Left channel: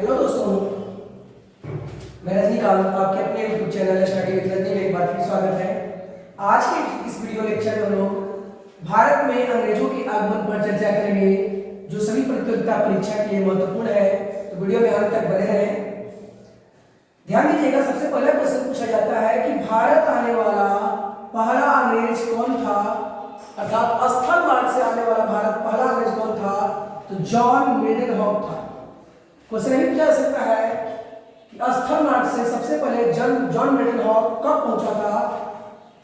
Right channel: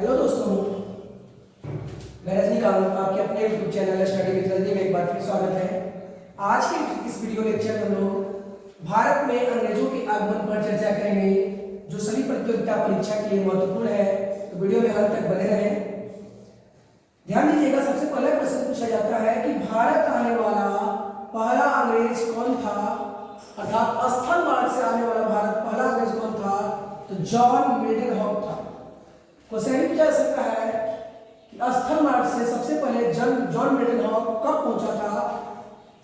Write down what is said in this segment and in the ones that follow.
Hello दोस्तों, मैं रजनीकांत आपके अपने YouTube channel study with Rajni में एक बार फिर स्वागत है। आज के इस वीडियो लेक्चर में हम लोग भारत में अंग्रेजों के आगमन पर चर्चा करेंगे, जो सभी प्रतियोगिता परीक्षा के लिए महत्वपूर्ण है। तो वीडियो में अंत तक बने रहें। ध्यान दीजिएगा, सबसे पहले क्वेश्चन पूछा जाता है कि भारत आने वाला पहला अंग्रेज कौन था, अर्थात स्थल मार्ग से आने वाला भारत पहला अंग्रेज कौन था? तो जॉन मिडलहॉक था। क्वेश्चन ये पूछा जा सकता है कि स्थल मार्ग से सबसे पहले जॉन मिडलहॉक कब पहुंचा था?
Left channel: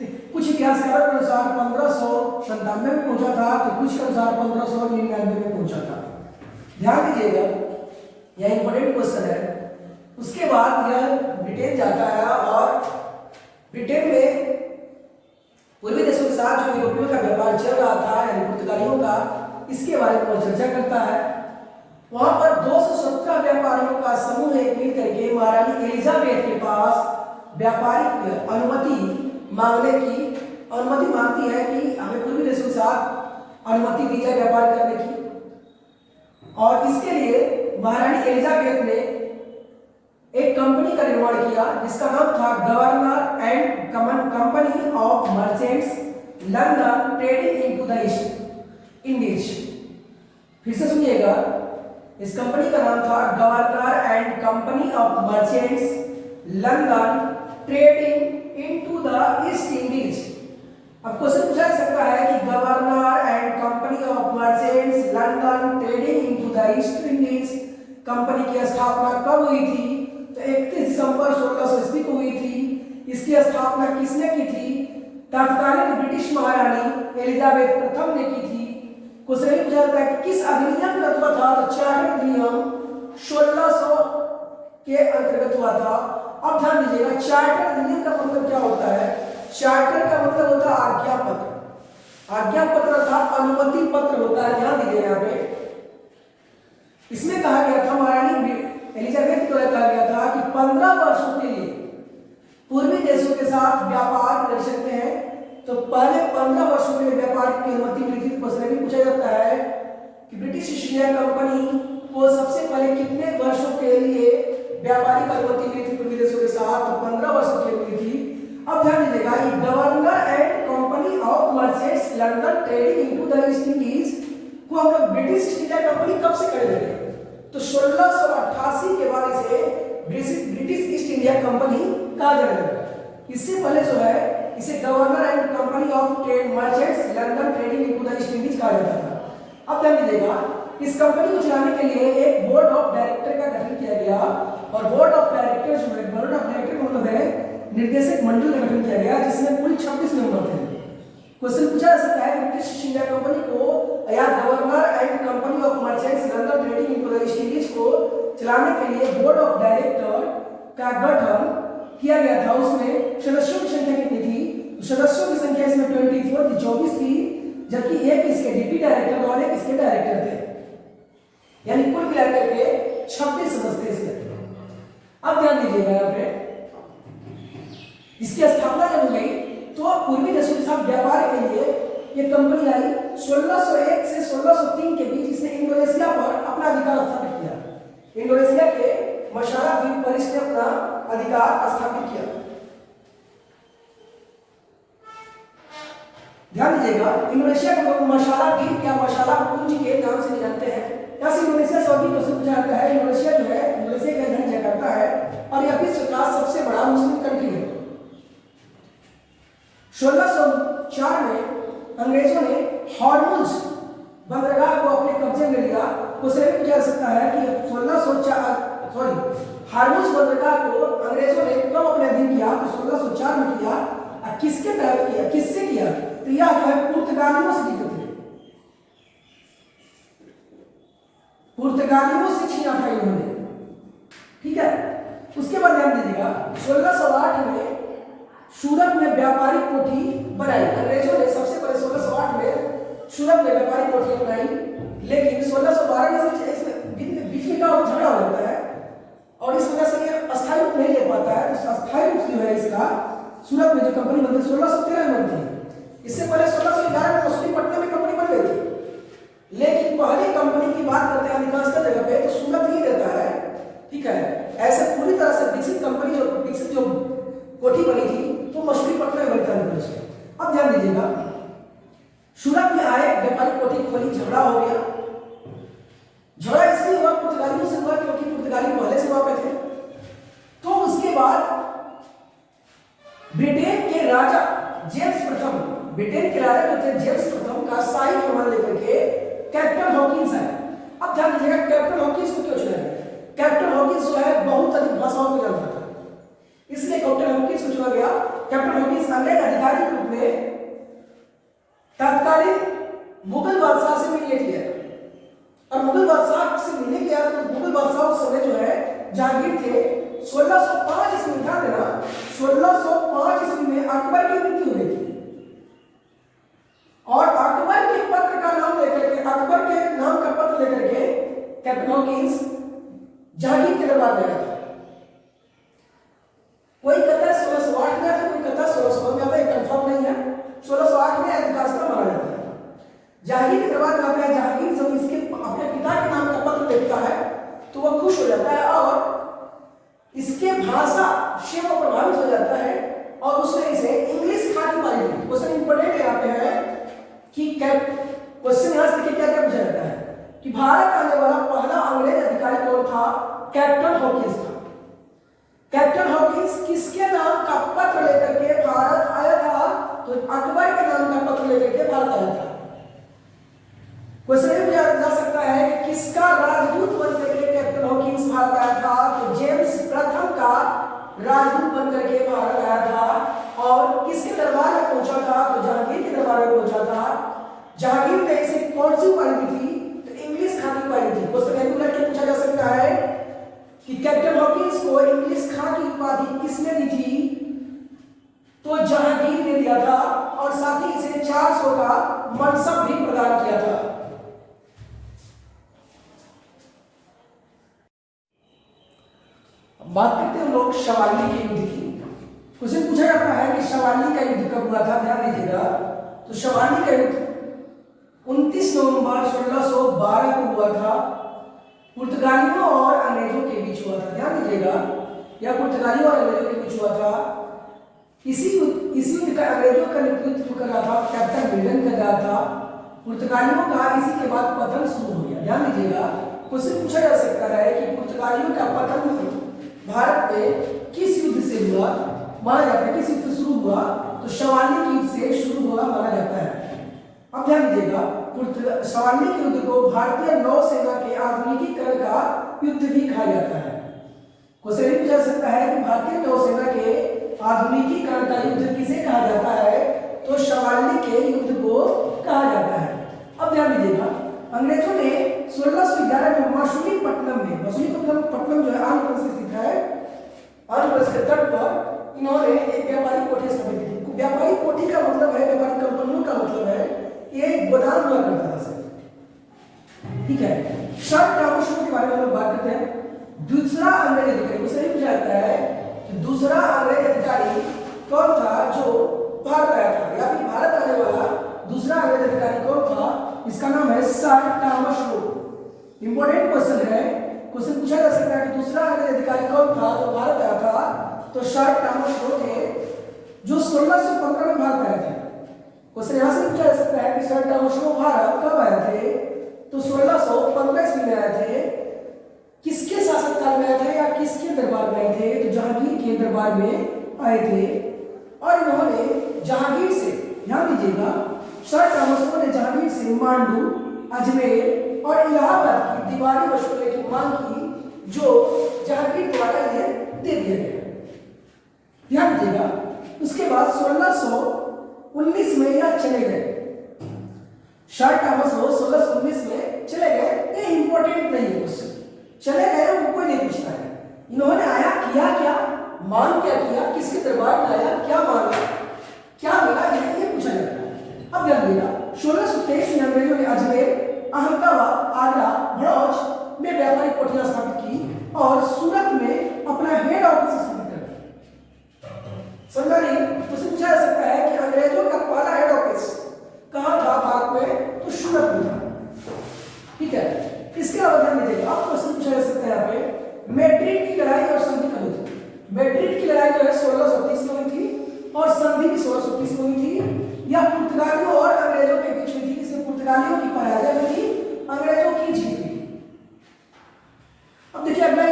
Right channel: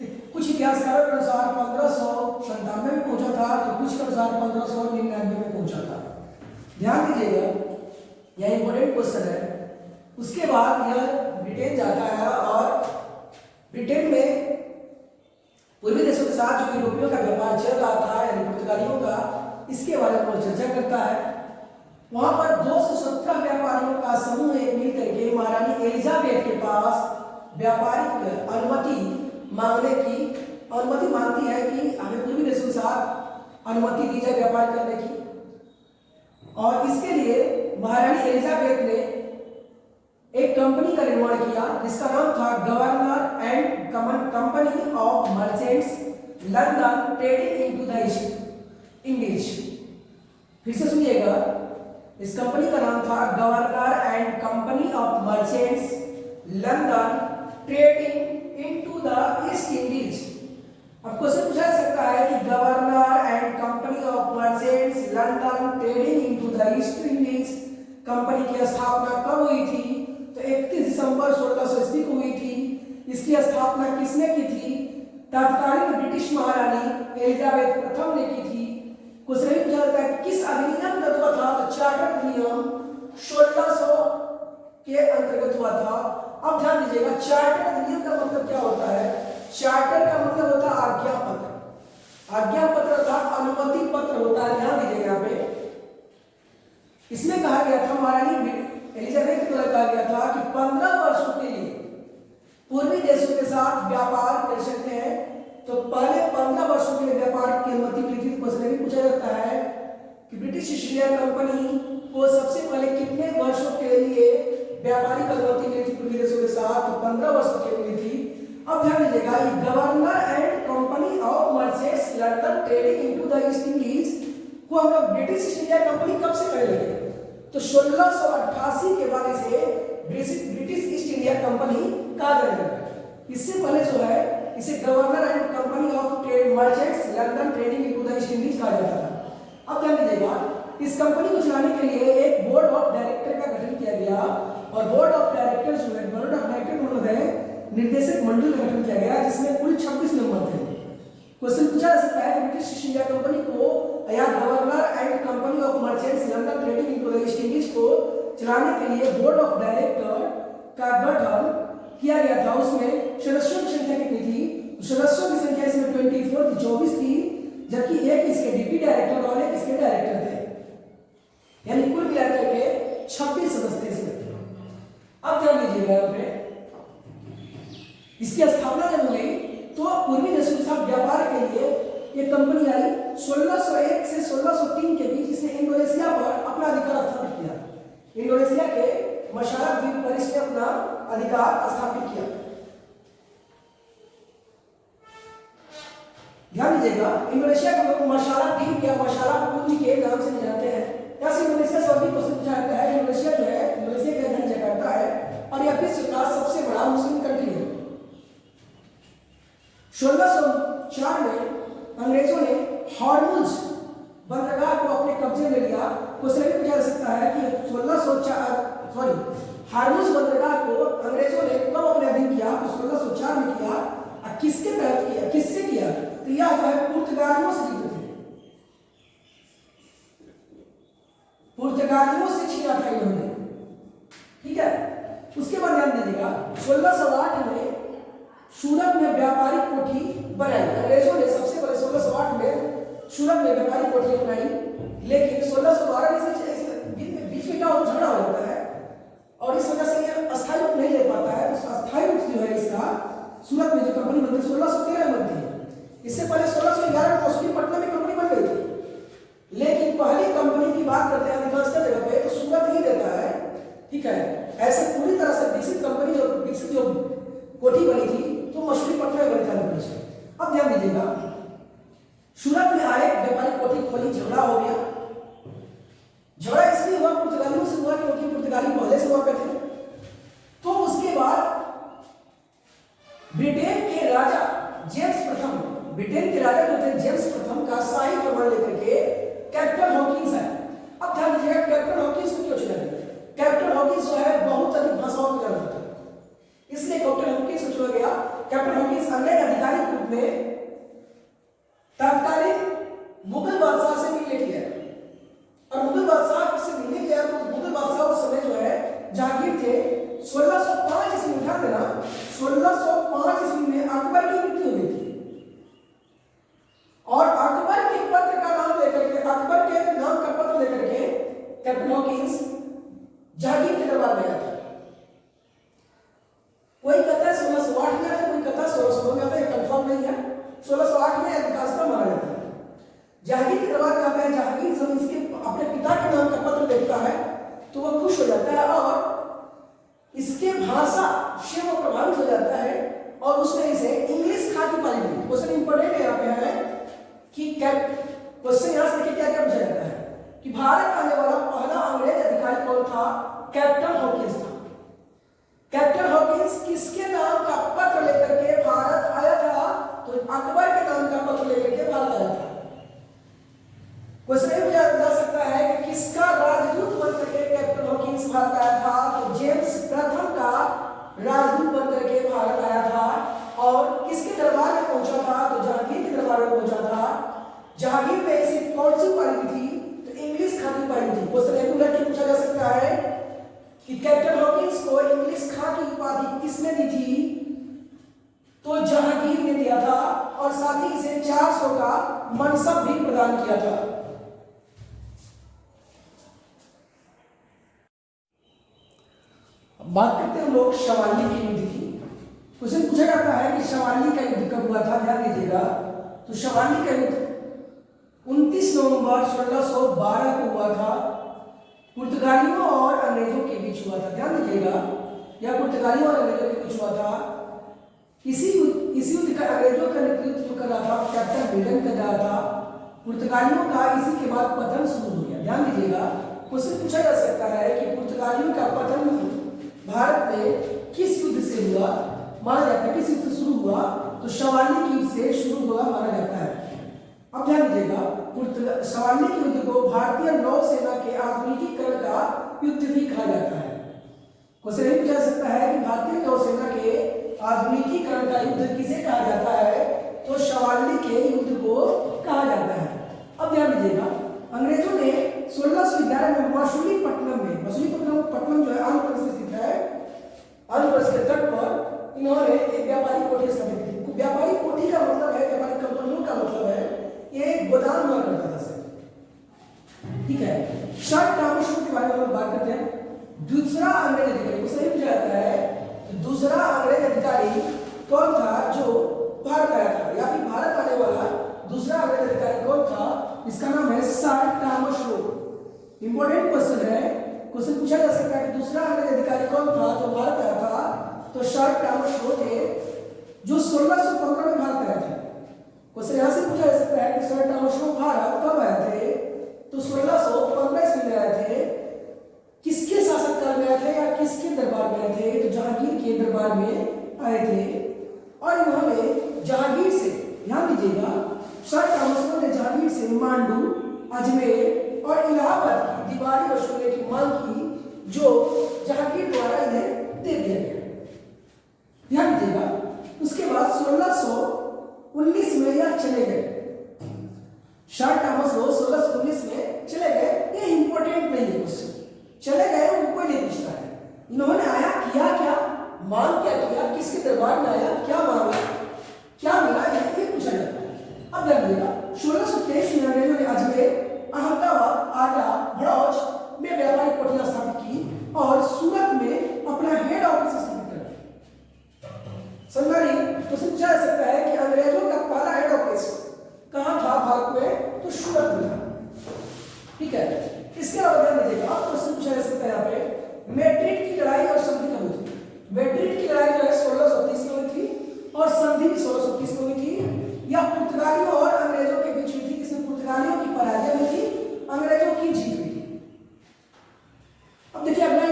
तो कुछ इतिहासकारों के अनुसार 1597 में पहुंचा था, तो कुछ के अनुसार 1599 में पहुंचा था। ध्यान दीजिएगा, यह इंपॉर्टेंट क्वेश्चन है। उसके बाद यह ब्रिटेन जाता है और ब्रिटेन में पूर्वी देशों के साथ जो यूरोपियों का व्यापार चल रहा था, यानी पुर्तगालियों का, इसके बारे में चर्चा करता है। वहां पर 217 व्यापारियों का समूह एक मिल करके महारानी एलिजाबेथ के पास व्यापारिक अनुमति मांगती है कि हमें पूर्वी देशों के साथ अनुमति दी जाए व्यापार करने की। और इसके लिए महारानी एलिजाबेथ ने एक कंपनी का निर्माण किया जिसका नाम था governor and company of merchants London trading into the east Indies. फिर से सुनिएगा, इस कंपनी का नाम था governor and company of merchants London trading into the east Indies. अब क्वेश्चन पूछा जा सकता है कि governor and company of merchants London trading into the east Indies company की स्थापना कब हुई थी? तो 31 दिसंबर 1600 ईस्वी को हुई थी। इसकी स्थापना किसने की थी? तत्कालीन ब्रिटिश महारानी एलिजाबेथ प्रथम ने की थी। क्वेश्चन ये पूछा जाता है कि किस अधिनियम का तत्व था? तो चार्टर अधिनियम 1600 के अंतर्गत हुआ था। अब ध्यान दीजिएगा, चार्टर अधिनियम का मतलब क्या होता है? चार्टर का मतलब होता है आज्ञा पत्र। आज्ञा पत्र अर्थात अनुमति पत्र होता है। ध्यान दीजिएगा, यहाँ पे इसमें कहा गया था, महारानी एलिजाबेथ के द्वारा कहा गया था कि 15 वर्षों के लिए पूर्वी देशों के साथ व्यापार कर सकते हैं। तो पहले 15 वर्षों के लिए व्यापार की अनुमति मिली थी। क्वेश्चन भी पूछा जाता है कि ब्रिटिश ईस्ट इंडिया कंपनी को सबसे पहले कितने वर्षों के लिए व्यापारिक अनुमति मिली थी पूर्वी देशों के साथ? तो 15 वर्षों के लिए मिली थी। अब ध्यान दीजिएगा, ये governor and company of merchants London trading into the east Indies को हम लोग ब्रिटिश ईस्ट इंडिया कंपनी कब से करने लगे? तो 1688 के बाद इसे ब्रिटिश ईस्ट इंडिया कंपनी कहा जाने लगा। इससे पहले जो है इसे governor and company of trade merchants London trading into the east Indies कहा जाता था। अब ध्यान दीजिएगा, इस कंपनी को चलाने के लिए एक बोर्ड ऑफ डायरेक्टर का गठन किया गया। और बोर्ड ऑफ डायरेक्टर जो है, बोर्ड ऑफ डायरेक्टर मतलब है निर्देशक मंडल का गठन किया गया, जिसमें कुल 26 मेंबर थे। क्वेश्चन पूछा जा सकता है, ब्रिटिश ईस्ट इंडिया कंपनी को या governor and company of merchants London trading into the east Indies को चलाने के लिए बोर्ड ऑफ डायरेक्टर का गठन किया गया था। उसमें सदस्यों की संख्या कितनी थी? सदस्यों की संख्या इसमें 24 थी, जबकि एक इसके डिप्टी डायरेक्टर और एक इसके डायरेक्टर थे, यानी कुल मिलाकर के 26 सदस्य इसमें। अब ध्यान दीजिएगा, यहाँ पे इसकी स्थापना जब हुई तो पूर्वी देशों के साथ व्यापार के लिए ये कंपनी आई। 1601 से 1603 के बीच इसने इंडोनेशिया पर अपना अधिकार स्थापित किया। इंडोनेशिया के मशाला द्वीप पर इसने अपना अधिकार स्थापित किया। ध्यान दीजिएगा, इंडोनेशिया का लोग मशाला द्वीप या मशाला पुंज के नाम से जानते हैं। यहाँ से इंडोनेशिया से भी क्वेश्चन पूछा जाता है। इंडोनेशिया जो है, इंडोनेशिया की राजधानी जकार्ता है और यह विश्व का सबसे बड़ा मुस्लिम कंट्री है। 1604 में अंग्रेजों ने हॉर्मुज बंदरगाह को अपने कब्जे में लिया। क्वेश्चन भी पूछा जा सकता है कि हॉर्मुज बंदरगाह को अंग्रेजों ने कब अपने अधीन किया? तो 1604 में किया। किसके तहत किया, किससे किया? तो यह जो है पुर्तगालियों से जीते थे, पुर्तगालियों से छीना था इन्होंने। ठीक है, उसके बाद ध्यान दीजिएगा, 1608 में सूरत में व्यापारिक कोठी बनाई। अंग्रेजों ने सबसे पहले 1608 में सूरत में व्यापारिक कोठी बनाई, लेकिन 1612 में बीच में क्या होता, झगड़ा हो जाता है और इस वजह से ये अस्थायी रूप नहीं ले पाता है। तो अस्थायी रूप जो है इसका सूरत में जो कंपनी बनती है 1613 में बनती है। इससे पहले 1611 में मसूलीपट्टनम में कंपनी बन गई थी, लेकिन पहली कंपनी की बात करते हैं अधिकांशतः जगह पे तो सूरत ही रहता है। पुर्तगाली पहले से वहां पे थे। तो उसके बाद ब्रिटेन के राजा जेम्स प्रथम, ब्रिटेन के राजा जो थे जेम्स प्रथम का शाही फरमान लेकर के कैप्टन हॉकिंस है। अब ध्यान दीजिएगा कैप्टन हॉकिंस को क्यों चुना गया? कैप्टन हॉकिंस जो है बहुत अधिक भाषाओं को जानता था, इसलिए कैप्टन हॉकिंस को चुना गया। कैप्टन हॉकिंस अनेक अधिकारी के रूप में तत्कालीन मुगल बादशाह से मिलने के लिए, और मुगल बादशाह से मिलने के लिए तो मुगल बादशाह उस समय जो है जहांगीर थे। 1605 ईस्वी में, ध्यान देना, 1605 ईस्वी में अकबर की मृत्यु हुई थी, और अकबर के पत्र का नाम लेकर के, अकबर के नाम का पत्र लेकर के कैप्टन हॉकिंस जहांगीर के दरबार में गया था। कोई कहता है 1608 में था, कोई कहता है 1609 में आता है, कंफर्म नहीं है। 1608 में ऐतिहासिक माना जाता है। जहांगीर के दरबार में आता है। जहांगीर जब इसके अपने पिता के नाम का पत्र देखता है तो वह खुश हो जाता है और इसके भाषा से वो प्रभावित हो जाता है, और उसने इसे इंग्लिश खाकी पाली दी। क्वेश्चन इंपॉर्टेंट यहाँ पे है कि क्वेश्चन यहाँ से क्या क्या पूछा जाता है कि भारत आने वाला पहला अंग्रेज अधिकारी कौन था? कैप्टन हॉकिंस था। कैप्टन हॉकिंस किसके नाम का पत्र लेकर के भारत आया था? तो अकबर के नाम का पत्र लेकर के भारत आया था। क्वेश्चन ये पूछा जा सकता है कि किसका राजदूत बनकर के कैप्टन हॉकिंस भारत आया था? तो जेम्स प्रथम का राजदूत बनकर के भारत आया था। और किसके दरबार में पहुंचा था? तो जहांगीर के दरबार में पहुंचा था। जहांगीर ने इसे कौन सी उपाधि दी थी? तो इंग्लिश खाकी उपाधि थी। क्वेश्चन रेगुलर के पूछा जा सकता है कि कैप्टन हॉकिंस को इंग्लिश खाकी उपाधि किसने दी थी? तो जहांगीर ने दिया था, और साथ ही इसे 400 का मनसब भी प्रदान किया था। बात करते हैं लोग शवाली के युद्ध की। क्वेश्चन पूछा जाता है कि शवाली का युद्ध कब हुआ था? ध्यान दीजिएगा, तो शवाली का युद्ध 29 नवंबर 1612 को हुआ था। पुर्तगालियों और अंग्रेजों के बीच हुआ था। ध्यान दीजिएगा, यह पुर्तगालियों और अंग्रेजों के बीच हुआ था। इसी युद्ध का अंग्रेजों का नेतृत्व कर रहा था कैप्टन मिल्टन कर रहा था। पुर्तगालियों का इसी के बाद पतन शुरू हो गया। ध्यान दीजिएगा, क्वेश्चन पूछा जा सकता है कि पुर्तगालियों का पतन भारत में किस युद्ध से हुआ माना जाता है? किस युद्ध से शुरू हुआ? तो शवाली के युद्ध से शुरू हुआ माना जाता है। अब ध्यान दीजिएगा, शवाली के युद्ध को भारतीय नौसेना के आधुनिकीकरण का युद्ध भी कहा जाता है। क्वेश्चन ये पूछा सकता है कि भारतीय नौसेना के आधुनिकीकरण का युद्ध किसे कहा जाता है? तो शवाली के युद्ध को कहा जाता है। अब ध्यान दीजिएगा, अंग्रेजों ने 1611 में मछलीपट्टनम जो है आंध्र प्रदेश स्थित है, आंध्र प्रदेश के तट पर इन्होंने एक व्यापारिक कोठी स्थापित की। व्यापारिक कोठी का मतलब है, व्यापारिक कंपनियों का मतलब है कि एक गोदाम हुआ करता था सर। ठीक है, शॉर्ट टर्म शो के बारे में हम बात करते हैं। दूसरा अंग्रेज अधिकारी, उसे ही पूछा जाता है कि दूसरा अंग्रेज अधिकारी कौन था जो भारत आया था, या फिर भारत आने वाला दूसरा अंग्रेज अधिकारी कौन था? इसका नाम है सर टॉमस लो। इंपॉर्टेंट क्वेश्चन है, क्वेश्चन पूछा जा सकता है कि दूसरा अंग्रेज अधिकारी कौन था जो भारत आया था? तो सर टॉमस लो थे, जो 1615 में भारत आए थे। क्वेश्चन यहां से पूछा जा सकता है कि सर टॉमस लो भारत कब आए थे? तो 1615 ईस्वी में आए थे। किसके शासक काल में आए थे या किसके दरबार में आए थे? तो जहांगीर के दरबार में आए थे, और इन्होंने जहांगीर से, ध्यान दीजिएगा, सर टॉमस लो ने जहांगीर से मांडू, अजमेर और इलाहाबाद की दीवारी वसूलने की मांग की, जो जहांगीर द्वारा इन्हें दे दिया गया। ध्यान दीजिएगा, उसके बाद 1619 में यह चले गए। सर टॉमस लो 1619 में चले गए। ये इंपॉर्टेंट नहीं है क्वेश्चन, चले गए वो कोई नहीं पूछता है। इन्होंने आया, किया क्या, मांग क्या किया, किसके दरबार में आया, क्या मांगा, क्या मिला, ये पूछा जाता है। अब ध्यान दिएगा, 1623 में अंग्रेजों ने अजमेर, अहमदाबाद, आगरा, भड़ौच में व्यापारिक कोठियां स्थापित की और सूरत में अपना हेड ऑफिस स्थापित कर दिया। समझा नहीं? तो पूछा जा सकता है कि अंग्रेजों का पहला हेड ऑफिस कहां था भारत में? तो सूरत में था। ठीक है, इसके अलावा ध्यान दीजिएगा, अब क्वेश्चन पूछा जा सकता है यहाँ पे, मैड्रिड की लड़ाई और संधि कब हुई थी? मैड्रिड की लड़ाई जो है 1630 में हुई थी, और संधि भी 1630 में हुई थी। यह पुर्तगालियों और अंग्रेजों के बीच हुई थी, जिसमें पुर्तगालियों की पराजय हुई थी, अंग्रेजों की जीत हुई थी। अब देखिए अगला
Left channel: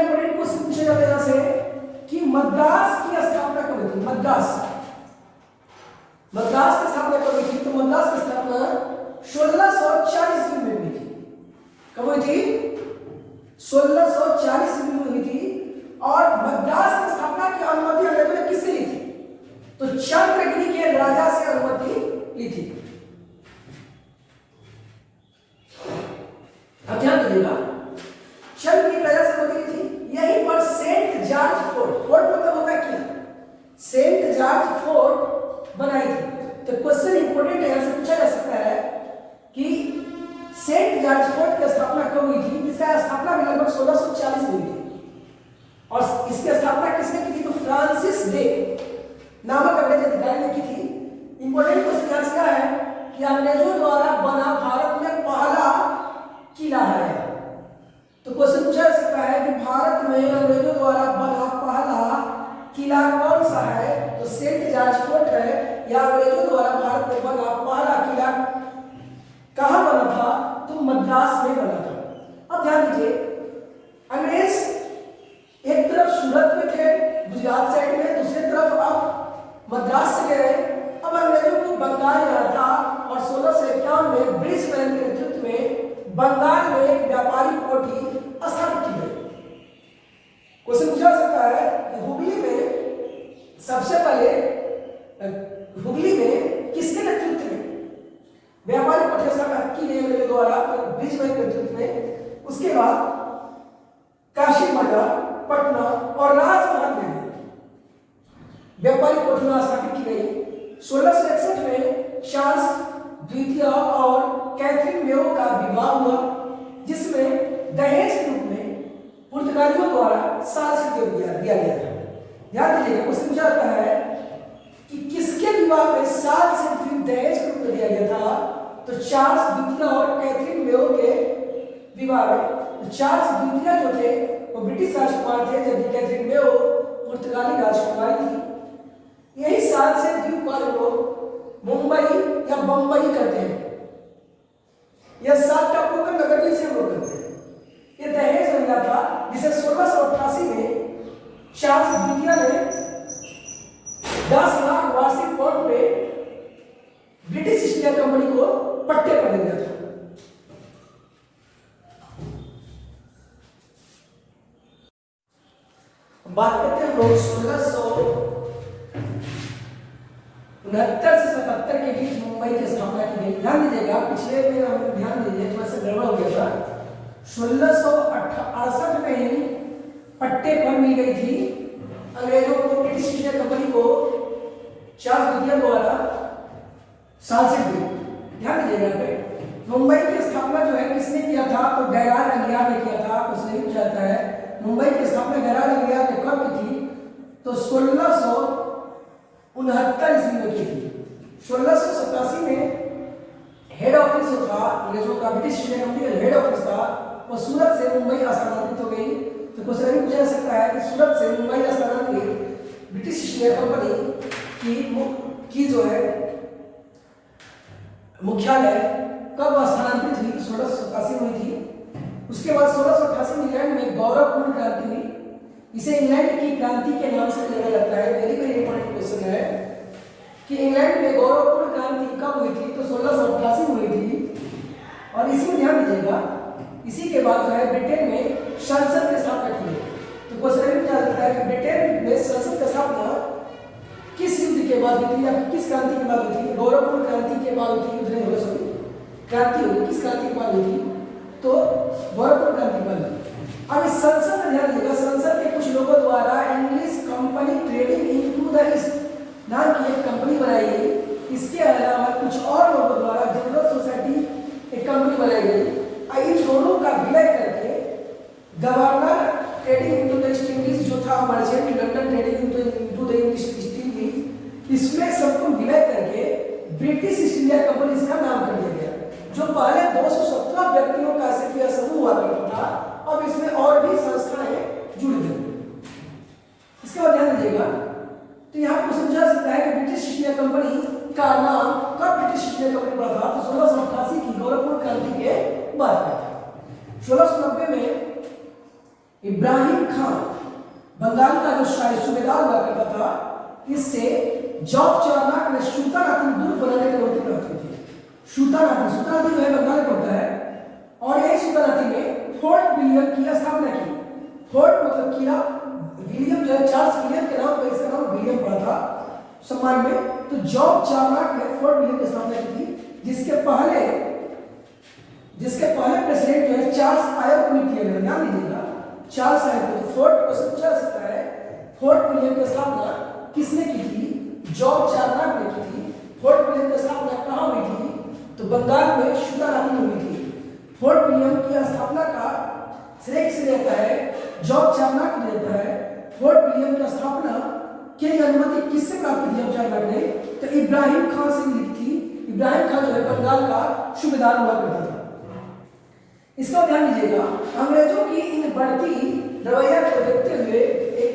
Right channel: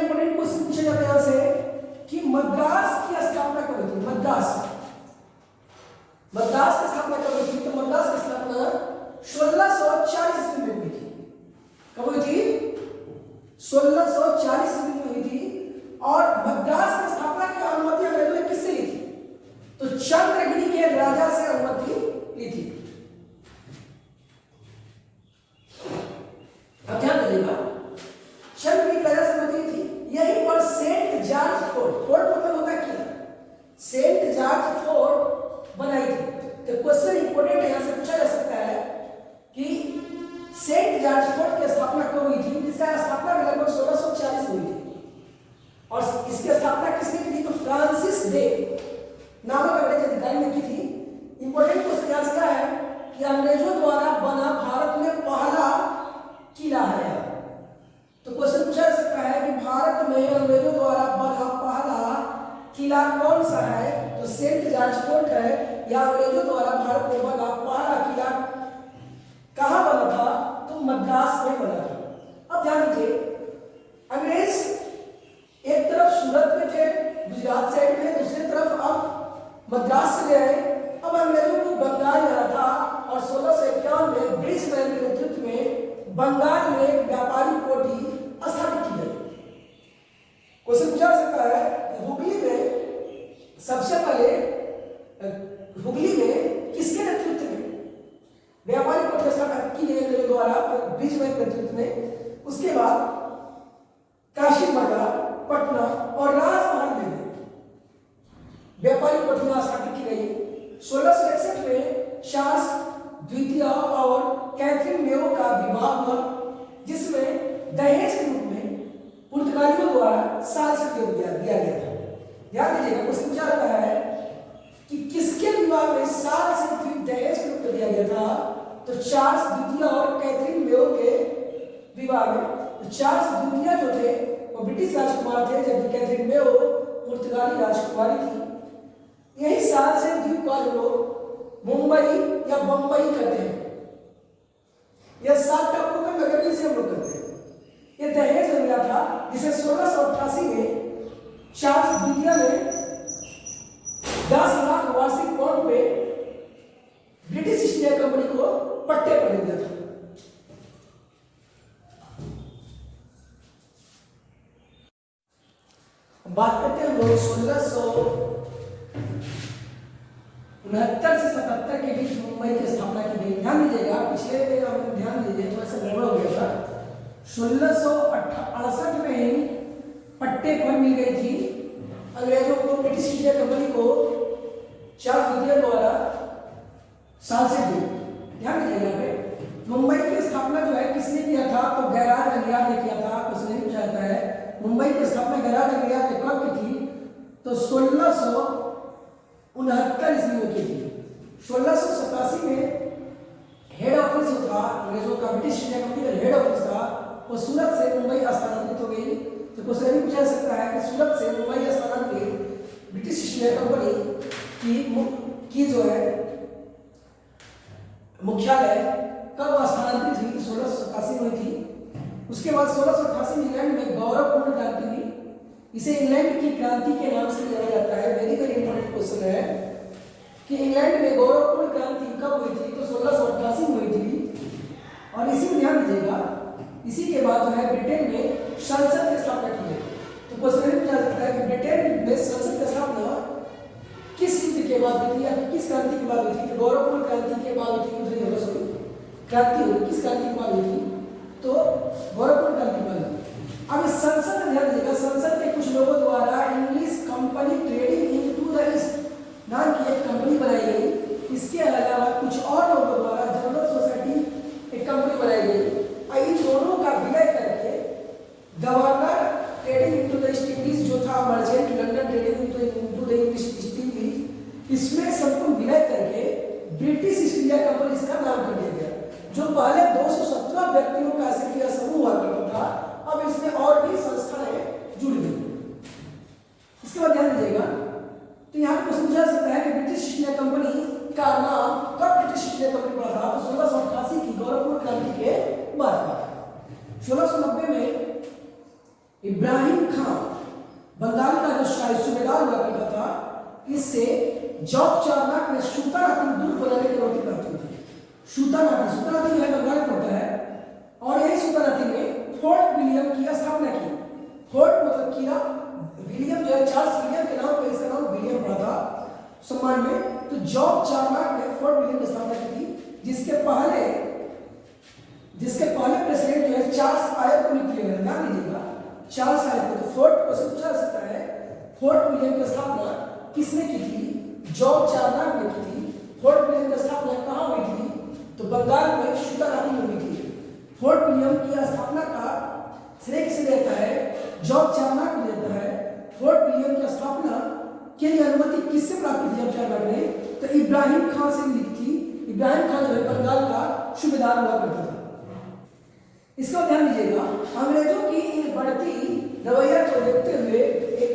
1640 ईस्वी में हुई थी। और मद्रास की स्थापना की अनुमति अंग्रेजों ने किससे ली थी? तो चंद्रगिरी के राजा से अनुमति ली थी। अब ध्यान दीजिएगा, चंद्रगिरी राजा से अनुमति ली थी। यहीं पर सेंट जॉर्ज फोर्ट, फोर्ट मतलब होता है किला, सेंट जॉर्ज फोर्ट बनाई थी। तो क्वेश्चन इंपोर्टेंट है, यहां से पूछा जा सकता है कि सेंट जॉर्ज फोर्ट की स्थापना कब हुई थी? इसका स्थापना लगभग 1640 हुई थी। और इसकी स्थापना किसने की थी? तो फ्रांसिस डे नामक अंग्रेज अधिकारी ने की थी। इंपोर्टेंट क्वेश्चन क्या है कि अंग्रेजों द्वारा बना भारत में पहला किला है। तो क्वेश्चन पूछा जा सकता है कि भारत में अंग्रेजों द्वारा बना पहला किला कौन सा है? तो सेंट जॉर्ज फोर्ट है, या अंग्रेजों द्वारा भारत में बना पहला किला कहां बना था? तो मद्रास में बना था। अब ध्यान दीजिए, अंग्रेज एक तरफ सूरत में थे गुजरात साइड में, दूसरी तरफ अब मद्रास से गए। अब अंग्रेजों को बंगाल जाना था और 1651 में ब्रिजमैन के नेतृत्व में बंगाल में एक व्यापारी कोठी स्थापित की गई। क्वेश्चन पूछा जा सकता है कि हुगली में सबसे पहले हुगली में किसके नेतृत्व में व्यापारी कोठी स्थापित की गई अंग्रेजों द्वारा? ब्रिजमैन के नेतृत्व में। उसके बाद काशी मर्गा, पटना और राजमहल में व्यापारी कोठियां स्थापित की गई। 1661 में चार्ल्स द्वितीय और कैथरीन मेयो का विवाह हुआ, जिसमें दहेज के रूप में पुर्तगालियों द्वारा साल से दिया गया था। ध्यान दीजिएगा, क्वेश्चन पूछा जाता है कि किसके विवाह में साल से दहेज के रूप में दिया गया था? तो चार्ल्स द्वितीय और कैथरीन मेयो के विवाह में। तो चार्ल्स द्वितीय जो थे वो ब्रिटिश राजकुमार थे, जबकि कैथरीन मेयो पुर्तगाली राजकुमारी थी। यही साल से द्वीप को लोग मुंबई या बंबई कहते हैं। यह 7 टापुओं का नगर में से हम लोग करते हैं। यह दहेज मिला था, जिसे 1688 में चार्ल्स द्वितीय ने 10 लाख वार्षिक पाउंड पे ब्रिटिश ईस्ट इंडिया कंपनी को पट्टे पर दे दिया था। बात करते हैं लोग 1669 से 77 के बीच मुंबई की स्थापना की गई। ध्यान दीजिएगा, पिछले में हम ध्यान दीजिए, थोड़ा सा गड़बड़ हो गया था। 1668 में ही पट्टे पर मिल गई थी अंग्रेजों को, ब्रिटिश इंडिया कंपनी को चार्ल्स द्वितीय द्वारा साल से दी। ध्यान दीजिएगा, पे मुंबई की स्थापना जो है किसने किया था? तो गैरान अलियार ने किया था। कुछ नहीं पूछा जाता है मुंबई की स्थापना गैरान अलियार ने कब की थी? तो 1669 ईस्वी में की थी। 1687 में हेड ऑफिस जो था अंग्रेजों का, ब्रिटिश इंडिया कंपनी का हेड ऑफिस था, वो सूरत से मुंबई स्थानांतरित हो गई। तो क्वेश्चन भी पूछा जा सकता है कि सूरत से मुंबई स्थानांतरित ब्रिटिश ईस्ट इंडिया कंपनी की जो है मुख्यालय कब स्थानांतरित हुई? 1687 में हुई थी। उसके बाद 1688 में इंग्लैंड में गौरवपूर्ण क्रांति हुई। इसे इंग्लैंड की क्रांति के नाम से जाना जाता है। वेरी वेरी इंपॉर्टेंट क्वेश्चन है कि इंग्लैंड में गौरवपूर्ण क्रांति कब हुई थी? तो 1688 में हुई थी। और इसी में ध्यान दीजिएगा, इसी के बाद जो है ब्रिटेन में संसद की स्थापना की गई। तो क्वेश्चन ये पूछा जाता है कि ब्रिटेन में संसद की स्थापना किस युद्ध के बाद हुई थी या किस क्रांति के बाद हुई थी? गौरवपूर्ण क्रांति के बाद हुई थी। क्रांति होगी, किस क्रांति के बाद हुई थी? तो गौरवपूर्ण क्रांति के बाद हुई। अब इस संसद में ध्यान दीजिएगा, संसद के कुछ लोगों द्वारा English company trading into the east नाम की एक कंपनी बनाई गई। इसके अलावा कुछ और लोगों द्वारा जनरल सोसाइटी एक कंपनी बनाई गई। इन दोनों का विलय करके governor trading into the east Indies जो था, merchant London trading into the east Indies, इसमें सबको विलय करके ब्रिटिश ईस्ट इंडिया कंपनी इसका नाम कर दिया गया। जो पहले 217 व्यक्तियों का सिर्फ यह समूह हुआ करता था, अब इसमें और भी संस्थाएं जुड़ गई। इसके बाद ध्यान दीजिएगा, तो यहाँ पर समझा सकता है कि ब्रिटिश ईस्ट इंडिया कंपनी का नाम कब ब्रिटिश ईस्ट इंडिया कंपनी पड़ा था? तो 1688 की गौरवपूर्ण क्रांति के बाद था। 1690 में इब्राहिम खान बंगाल का जो शाही सूबेदार हुआ करता था, इससे जॉब चार्नाक ने सूतानाती दुर्ग बनाने की अनुमति प्राप्त की थी। सूतानाती जो है बंगाल में होता है, और यही सूतानाती में फोर्ट विलियम की स्थापना की। फोर्ट मतलब किला, विलियम जो है चार्ल्स विलियम के नाम पर इसका नाम विलियम पड़ा था सम्मान में। तो जॉर्ज चार्नक ने फोर्ट विलियम की स्थापना की थी, जिसके पहले प्रेसिडेंट जो है चार्ल्स आयर को नियुक्त किया गया। ध्यान दीजिएगा, चार्ल्स आयर को। तो फोर्ट क्वेश्चन पूछा जा सकता है, फोर्ट विलियम की स्थापना किसने की थी? जॉर्ज चार्नक ने की थी। फोर्ट विलियम की स्थापना कहाँ हुई थी? तो बंगाल में सुताराती में हुई थी। फोर्ट विलियम की स्थापना का श्रेय किसे देता है? जॉर्ज चार्नक ने देता है। फोर्ट विलियम की स्थापना के लिए अनुमति किससे प्राप्त की जॉर्ज चार्नक ने? तो इब्राहिम खान से मिली थी। इब्राहिम खान जो है बंगाल का सूबेदार हुआ करता था। इसका ध्यान दीजिएगा, अंग्रेजों की इन बढ़ती रवैया को देखते हुए एक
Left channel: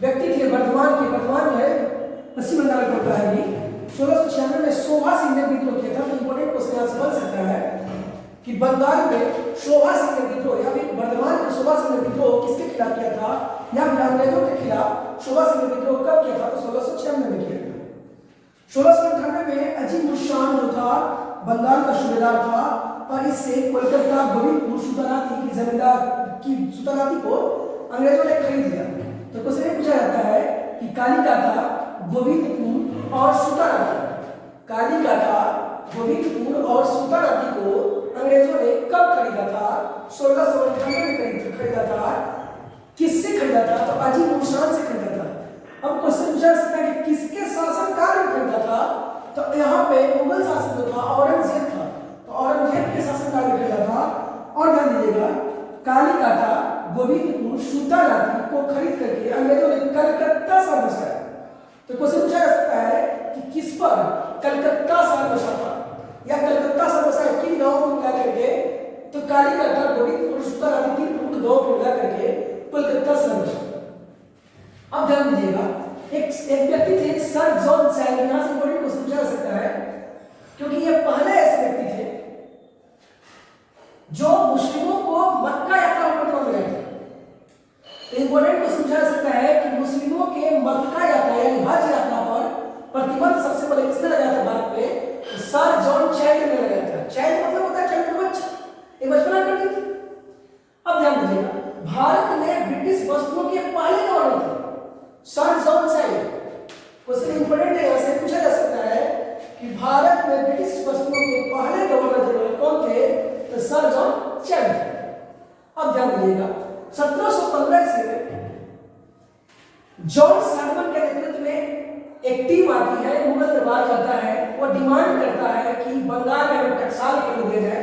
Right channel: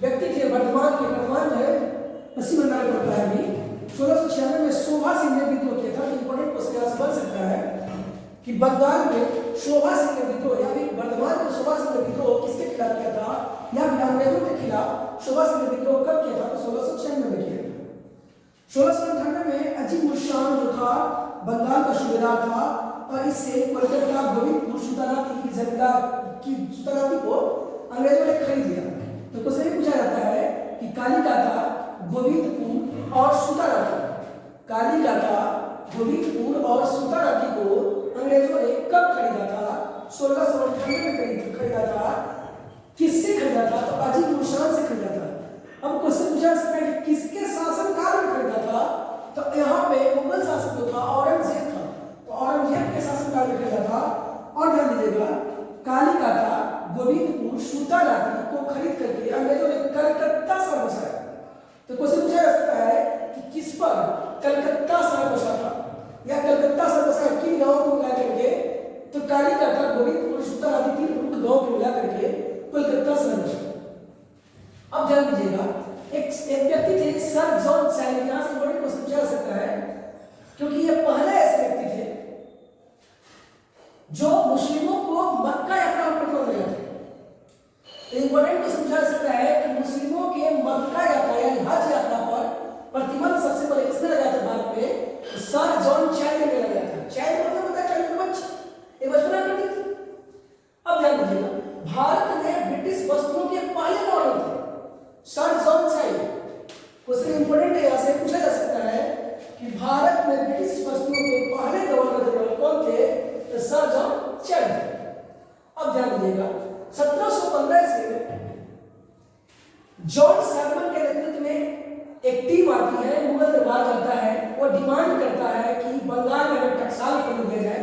व्यक्ति थे वर्धमान जो है पश्चिम बंगाल में पड़ता है। 1696 में शोभा सिंह ने विद्रोह किया था। तो इंपॉर्टेंट क्वेश्चन यहाँ से बन सकता है कि बंगाल में शोभा सिंह ने विद्रोह या फिर वर्धमान में शोभा सिंह ने विद्रोह किसके खिलाफ किया था, या फिर अंग्रेजों के खिलाफ शोभा सिंह ने विद्रोह कब किया था? तो 1696 में किया था। 1698 में अजीम उल शान जो था बंगाल का सूबेदार था, और इससे कोलकाता गोविंदपुर सुताराती की जमींदार की सुताराती को अंग्रेजों ने खरीद लिया। तो क्वेश्चन पूछा जाता है कि कालीकाता, गोविंदपुर और सुताराती, कालीकाता, गोविंदपुर और सुताराती को अंग्रेजों ने कब खरीदा था? 1698 में खरीदा था। किससे खरीदा था? तो अजीम उल शान से खरीदा था। अब क्वेश्चन पूछा सकता है कि किसके शासनकाल में खरीदा था? तो यहाँ पे मुगल शासक जो था औरंगजेब था। तो औरंगजेब के शासनकाल में खरीदा था। और ध्यान दीजिएगा, कालीकाता, गोविंदपुर, सुताराती को खरीद करके अंग्रेजों ने कलकत्ता शहर बसाया। तो क्वेश्चन पूछा जा सकता है कि किस पर कलकत्ता शहर बसा था, या कलकत्ता शहर बसाया किन गांवों को मिला करके? तो कालीकाता, गोविंदपुर, सुताराती तीन प्रमुख गांवों को मिला करके कलकत्ता शहर बसा। अब ध्यान दीजिएगा, एक व्यक्ति थे सर जॉन चाइल्ड। यहां से बड़ी क्वेश्चन पूछा जा सकता है, क्योंकि ये पहले ऐसे व्यक्ति थे जो मुस्लिमों को मक्का यात्रा पर प्रतिबंध लगाए थे। इंपॉर्टेंट क्वेश्चन पूछा जा सकता है कि मुस्लिमों के मक्का यात्रा यानी हज यात्रा पर प्रतिबंध सबसे पहले किसने लगाया था भारत में? सर जॉन चाइल्ड ने लगाया था। चाइल्ड मतलब होता है चाइल्ड बच्चा, ये बचपना कर दी थी। अब ध्यान दीजिएगा, भारत में ब्रिटिश वस्तुओं के पहले गवर्नर थे sir John child. Question important है, यहां से पूछा जा सकता है कि भारत में ब्रिटिश वस्तुओं के पहले गवर्नर कौन थे? तो सर जॉन चाइल्ड। अब ध्यान दीजिएगा, 1715 से जॉन सैगमन के नेतृत्व में एक टीम आती है, मुगल दरबार जाता है, वो डिमांड करता है कि बंगाल में टकसाल कर दिया जाए।